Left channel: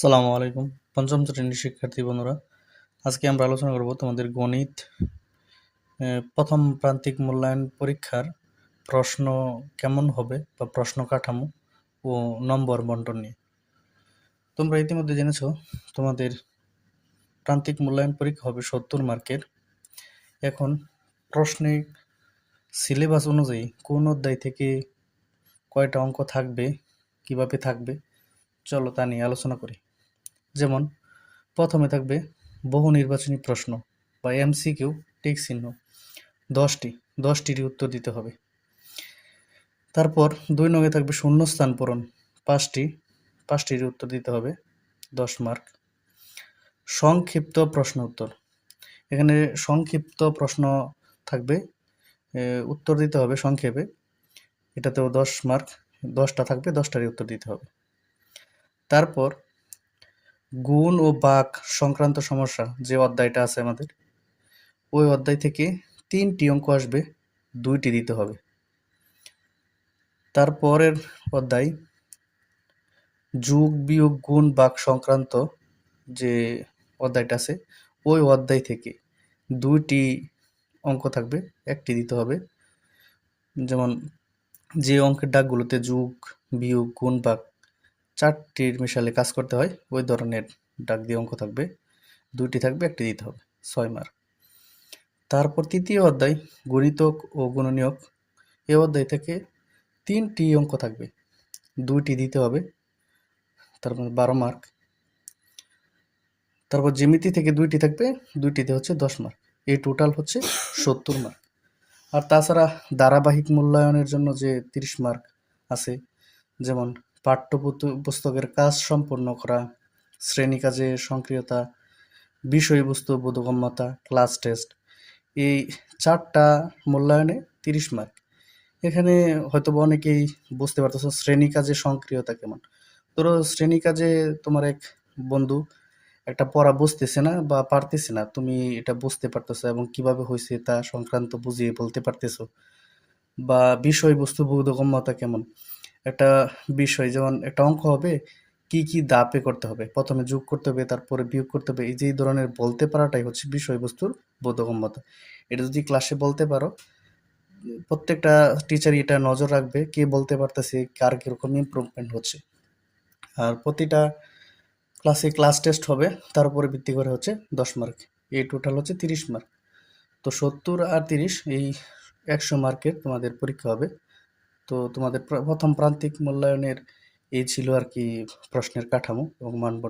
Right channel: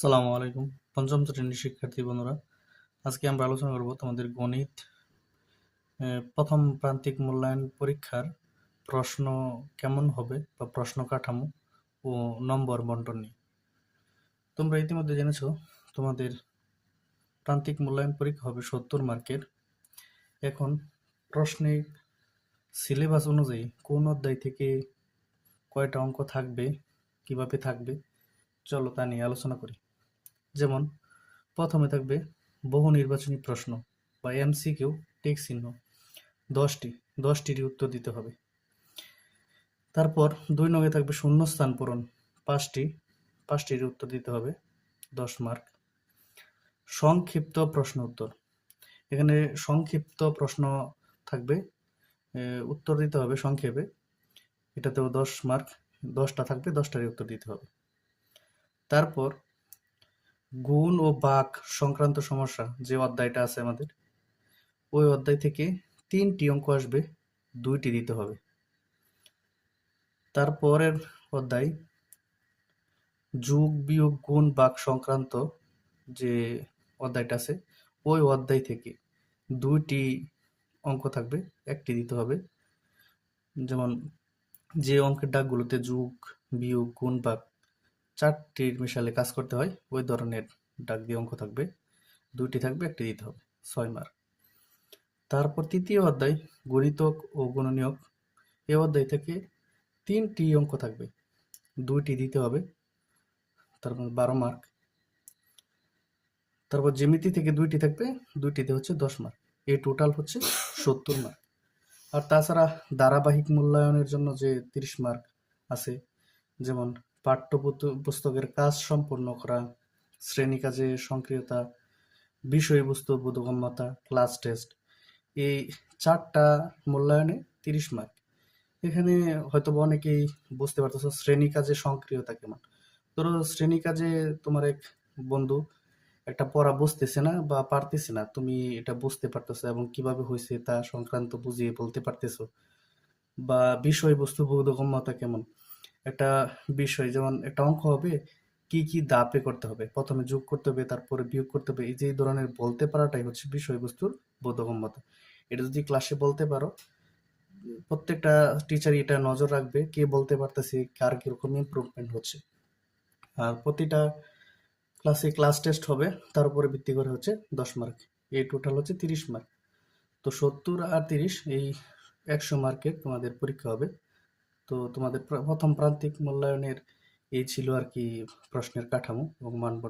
আসসালামু আলাইকুম। পঞ্চম শ্রেণীর শিক্ষার্থী বন্ধুরা, আজকে আমরা আলোচনা করব তোমাদের গণিত প্রথম প্রান্তিক মূল্যায়ন পরীক্ষার প্রশ্ন কেমন হবে বা প্রশ্ন কাঠামো ও নম্বর বন্টন নিয়ে। তোমরা ইতিমধ্যে জেনেছো তোমাদের প্রান্তিক মূল্যায়ন পরীক্ষা হবে 70 মার্কের। এখন প্রশ্নে সিলেবাস অনুযায়ী কোন অধ্যায় থেকে কয়টা অঙ্ক থাকবে, কিভাবে থাকবে, চলো তা নিয়ে আলোচনা করি। যেমন প্রথমে থাকবে বহু নির্বাচনী প্রশ্ন বা এমসিকিউ, টিক চিহ্ন 10টির উত্তর দিতে হবে। তারপর 2 নঙে থাকবে শূন্যস্থান পূরণ 5টির উত্তর দিতে হবে, 10 মার্ক। সংক্ষিপ্ত প্রশ্ন উত্তর, এখানে সংক্ষিপ্ত প্রশ্ন থাকবে, উত্তর দিতে হবে সংক্ষেপে, এটাতেও 10 মার্ক, 10টা থাকবে, 10টারই উত্তর দিতে হবে। তারপর গুণ ও বাক সংক্রান্ত সমস্যা যে অধ্যায়টা আছে আমাদের, ওই অধ্যায় থেকে 3টি অঙ্ক আসবে, 2টি দিতে হবে। তারপরের অধ্যায় যোগ বিয়োগ গুণ ভাগ সংক্রান্ত যে অধ্যায়টা আছে, ওই অধ্যায় থেকে 2টি অঙ্ক থাকবে, 1টি দিতে হবে। যেমন যে অঙ্কের দাগগুলোতে যোগ বিয়োগ গুণ ভাগ 4টির মিশালে কাজ করতে হয়, ওই ধরনের দাগ দিয়ে অঙ্ক থাকবে, 2টি থাকবে, 1টি দিতে হবে, 6 মার্ক। তারপর তৃতীয় অধ্যায় গণিতক ও গুণনীয়ক, এই অধ্যায় থেকে 3টি অঙ্ক থাকবে, 2টি দিতে হবে, তার মধ্যে 12 মার্ক। তারপর জ্যামিতি থেকে 2টি থাকবে, 2টিতে হচ্ছে 10 মার্ক। এই টোটাল হচ্ছে 70 মার্ক। আর তাছাড়া ধারাবাহিক মূল্যায়নের জন্য যে 30 মার্ক আছে, যেমন পুস্তকের কাজ সম্পন্ন করা, শ্রেণী কাজে সক্রিয়তা, বিষয়বস্তু বোধগম্যতা, ক্লাস টেস্ট, এই 4টা মূল্যায়নে 30 মার্ক। এখানে হয়তো অনেকেই বুঝতে পারতেছো শ্রেণী কাজে সক্রিয়তা কেমন। ধরো শ্রেণী কাজে তোমার এক বন্ধু একটা পড়া বুঝতেছে না বা পারতেছে না, তুমি এটা বুঝতে পারতেছো এবং কিভাবে হয়েছে তা সংক্রান্ত বুঝিয়ে বলতে পারতেছো। বা বিষয়বস্তু বোধগম্যতা কেমন, একটা বিষয় যেমন একটা অঙ্ক হবে, কি কি ধাপে করতে হবে, প্রথমে যোগ করতে হবে, তারপরে বিয়োগ করতে হবে, এই যে এই ধরনের বলতে পারাটাই হচ্ছে বিষয়বস্তুর বোধগম্যতা। এটা যদি ক্লাসে বলতে পারো, প্রত্যেকটা টিচারই এটা নজর রাখবে, কে বলতে পারতেছে, কার কিরকম ইমপ্রুভমেন্ট হচ্ছে। আর প্রতিটা ক্লাসে ক্লাস টেস্ট হবে, তার উপরে ভিত্তি করে হচ্ছে 10 মার্ক। এই টোটাল হচ্ছে 30 মার্ক। তো 70 আর 30 এই 100 মার্কের তোমাদের পরীক্ষা হবে। তো তোমাদের প্রথম প্রান্তিক মূল্যায়নের এই ছিল আর কি প্রশ্নের কাঠামো এবং মানবন্টন।